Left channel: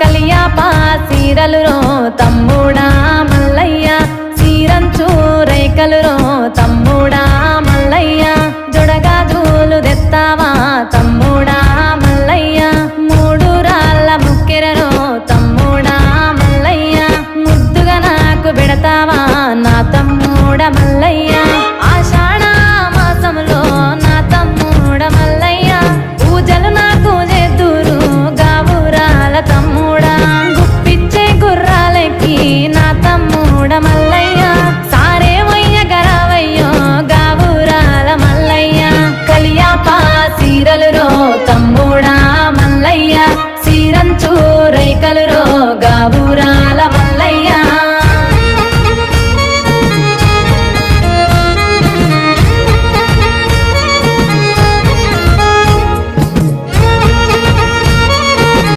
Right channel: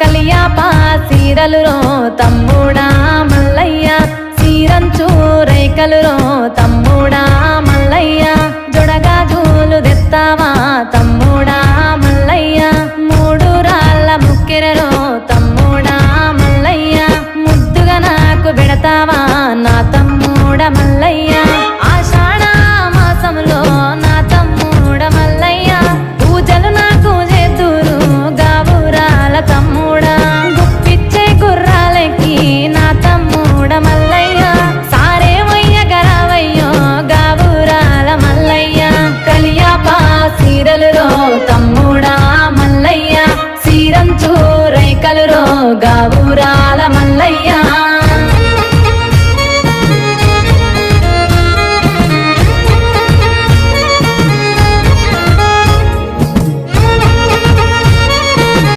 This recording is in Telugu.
కలియాపా సీరలు రో తమ్ముడా మల్లయ్య సీరంచు రైకలు రో తమ్ముడా మల్లయ్య జొడగాజులు తెత్తావా తమ్ముడా మల్లయ్య మూడు రాళ్ళ ముక్కెరరో తమ్ముడా మల్లయ్య ముద్దుగా నాకు పెడతావా నా తమ్ముడ మల్లయ్య ఆషాఢ మాసంలో నా తమ్ముడ మల్లయ్య పూజలు నాకు చేద్దురు గావురాల తమ్ముడా గుప్పిచ్చే గుర్రాలెక్కి నా తమ్ముడ మల్లయ్య సారేమయ్య గరావయ్యో గావురాల మల్లయ్య కలియాపా సీరలు రో తమ్ముడా మల్లయ్య సీరంచు రైకలు రో గావురాల మల్లయ్య